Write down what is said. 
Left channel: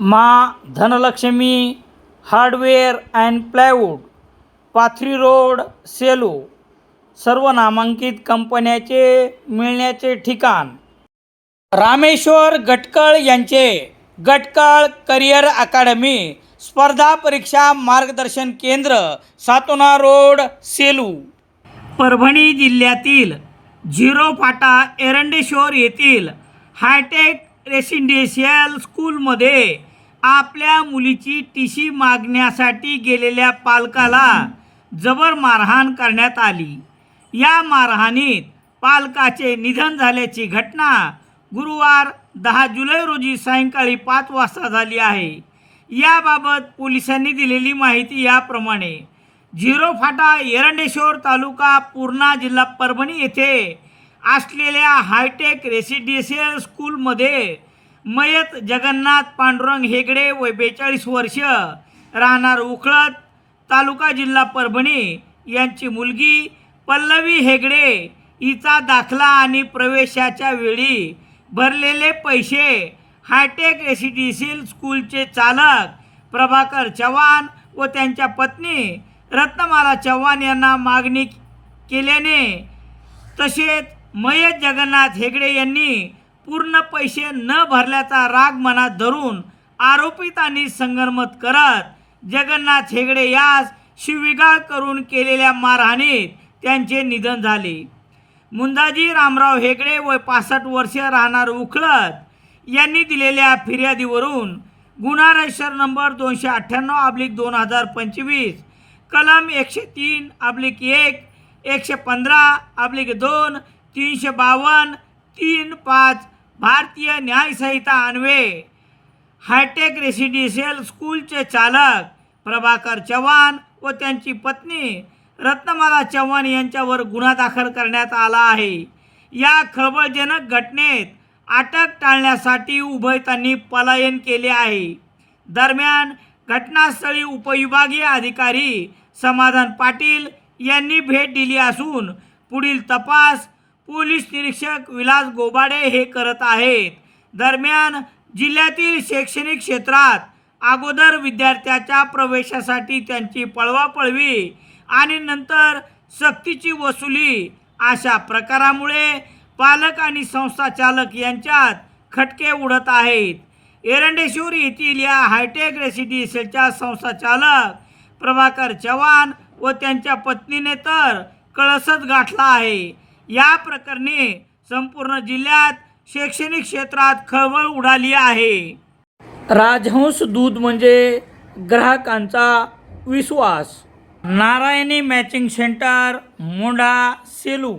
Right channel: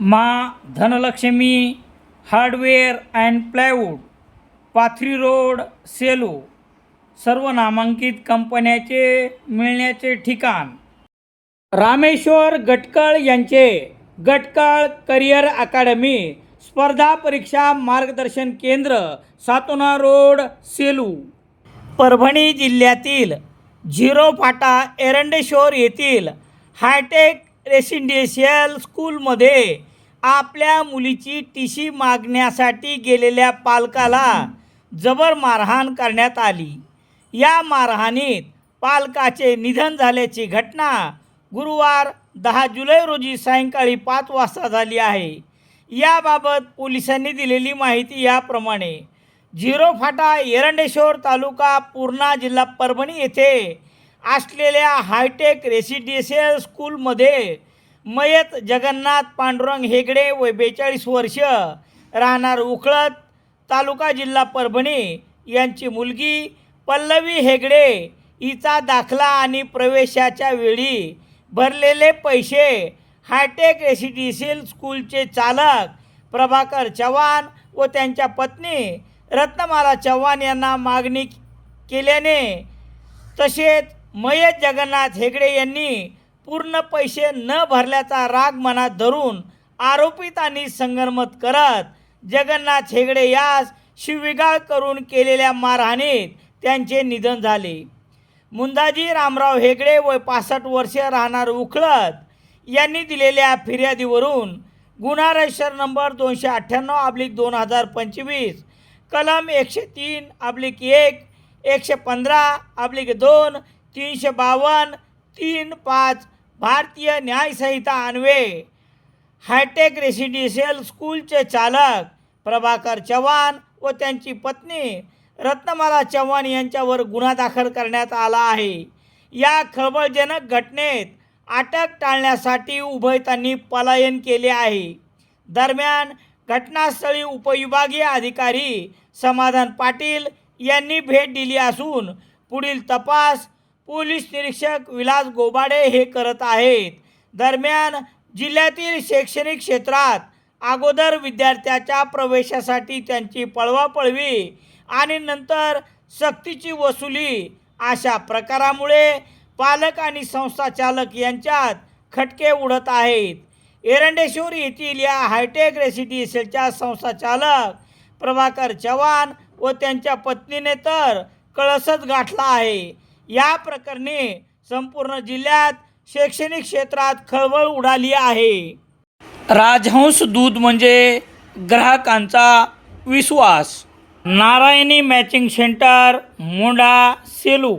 मा Dhanalakshmi hardware and plywood Pathri road Selu सर्व नामांकित कंपन्याचे मिळण्याचे ठिकाण. रामेश्वर गटकळ यांचे गटकळ करिअर अकादमी स्पर्धा परीक्षा मार्गदर्शन केंद्र सातोना रोड सेलू. परभणी जिल्ह्यातील झिरो फाटा एरंडेश्वर येथील हायटेक रेसिडेन्शियल स्कूलमध्ये आपल्या मुलीची टी सी मागण्यासाठी गेलेल्या पालकाला जबर मारहाण करण्यात आली. या मारहाणीत पालकाचे निधन झाल्याची घटना गुरुवार दहा जुलै रोजी सायंकाळी पाच वाजता झाली आहे. याबाबत पोलिसांनी दिलेली माहिती याप्रमाणे झिरो फाटा एरंडेश्वर तालुका पूर्णा जिल्हा परभणी येथे असलेल्या हायटेक रेसिडेन्शियल स्कूलमध्ये मयत जगन्नाथ पांडुरंग हेगडे वय बेचाळीस वर्ष राहणार उखळत तालुका जिल्हा परभणी. यांची मुलगी पल्लवी हेगडे. हिचा दाखला आणि प्रवेशाच्या वेळी भरलेले पैसे हायटेक रेसिडेन्शियल स्कूलचे चालक प्रभाकर चव्हाण व त्यांच्या पत्नी रत्नमाला चव्हाण यांना मागणी केल्याने तसेच मयत जगन्नाथ हेगडे यांनी पूर्ण पैसे न भरल्याचा राग मनात धरून आरोपितांनी संगनमत करत जगन्नाथ हेगडे यास शिवीगाळ करून केलेल्या मारहाणीत त्यांचे निधन झाले. मुंदाजी रामराव हेगडे वय पासष्ट वर्ष राहणार उखळत यांनी दिलेल्या फिर्यादीवरून गुन्हा रजिस्टर नंबर दोनशे अठ्ठ्याण्णव अब्लिक दोन हजार पंचवीस कलम एकशे तीन अब्लिक एक एकशे पंधरा अब्लिक दोन तीनशे बावन्न तीन पाच भारतीय न्यायसंहिता अन्वे हायटेक रेसिडेन्शियल स्कूलचे चालक प्रभाकर चव्हाण व त्यांची पत्नी रत्नमाला चव्हाण यांच्यावर गुन्हा दाखल करण्यात आला आहे. या खळबळजनक घटनेत अटक टाळण्यासाठी उभयतांनी पलायन केले आहे. दरम्यान घटनास्थळी उपविभागीय अधिकारी समाधान पाटील यांनी भेट दिली असून पुढील तपास पोलीस निरीक्षक विलास गोबाडे हे करत आहेत. दरम्यान जिल्ह्यातील शैक्षणिक क्षेत्रात अगोदर विद्यार्थ्याच्या प्रवेशासाठी त्यांची पळवापळवी आणि नंतर सक्तीची वसुली अशा प्रकारामुळे पालक आणि संस्था चालक यांच्यात खटके उडत आहेत. एरंडेश्वर येथील या हायटेक रेसिडेन्शियलच्या संस्था चालक प्रभाकर चव्हाण व त्यांच्या पत्नीने तर कळसच गाठला आहे. या प्रकरणी संपूर्ण जिल्ह्यात शैक्षणिक क्षेत्रात खळबळ उडाली आहे. राजहंस दूध म्हणजे ग्राहकांचा विश्वास. Narayani matching centre Monda Selu.